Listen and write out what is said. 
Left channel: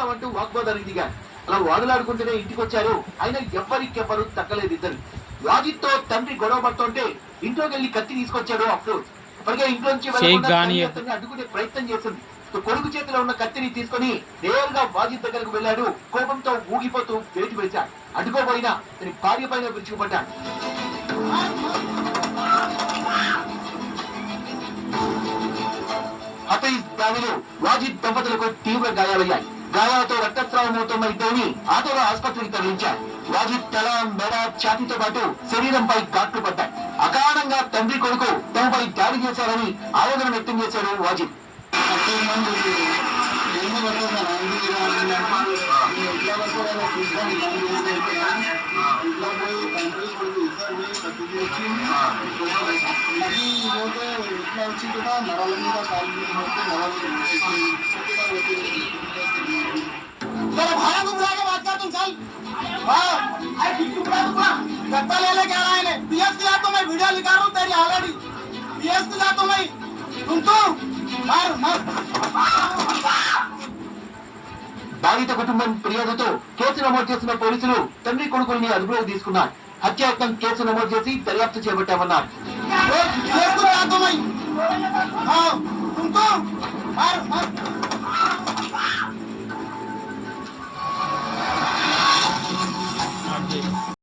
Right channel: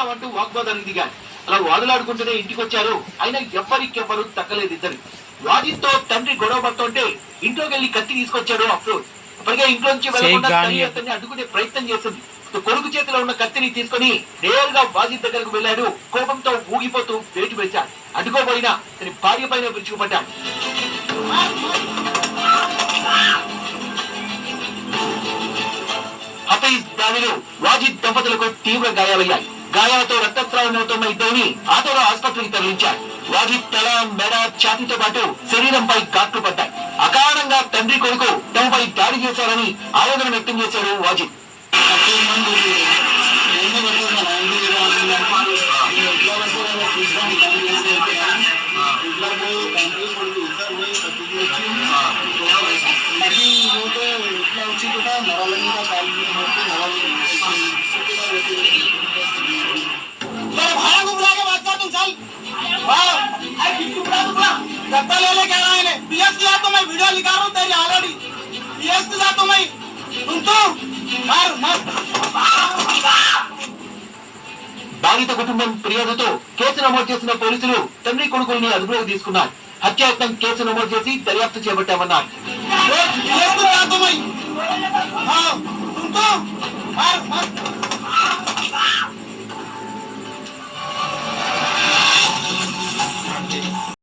చంపేస్తామంటూ వాగ్వాదానికి దిగారు అలా వాదులాడుకుంటూనే ఇంటికి వచ్చారు అయినా ఎవ్వరికెవ్వరు తగ్గలేదు ఇద్దరు. వాజిత్తో తండ్రి గొడవ పడుతుంటే ఇంట్లోకి వెళ్ళి కత్తి తీసుకొచ్చాడు అఫ్రోజ్ అప్పటికే వెళ్ళకుండా గాని- తల్లి అతన్ని అడ్డుకునే ప్రయత్నం చేస్తుంది కొడుకు చేతిలో ఉన్న కత్తిని తీసుకొని నేరుగా వాజిత్ దగ్గరకు వెళ్ళాడు. కోపంతో ఊగిపోతూ వేటు వేశాడు అడ్డుకోబోయినా తన భార్య పైన విరుచుకుపడ్డాడు హఫీజ్ దానిలో వాజిద్ దంపతులకు తీవ్ర గాయాలయ్యాయి. గాయాలతో రక్తస్రావం అవుతున్న ఇద్దరిని ఆటోలో ఆసుపత్రికి తరలించారు. వారి తల మెడ ఛాతీతో పాటు శరీరంపై కాట్లు పడ్డాయి. అకారణంగా తండ్రి కొడుకు తమపై దాడి చేశారని ఆవేదన వ్యక్తం చేశారు వాజిద్ तेरे गद्दा ले ले कह रहा है इन्हें पीएस की जा तो मैं वीडियो निकाल रहा हूँ तेरी ऑलरेडी पीएस की जा तो मैं सुन तू मार मार బాధిత కుటుంబం ఫిర్యాదుతో కేసు నమోదు చేసిన పోలీసులు తండ్రి కొడుకుల్ని అదుపులోకి తీసుకున్నారు హత్యాయత్నం కేసు నమోదు చేసి దర్యాప్తు చేపట్టామన్నారు पीएस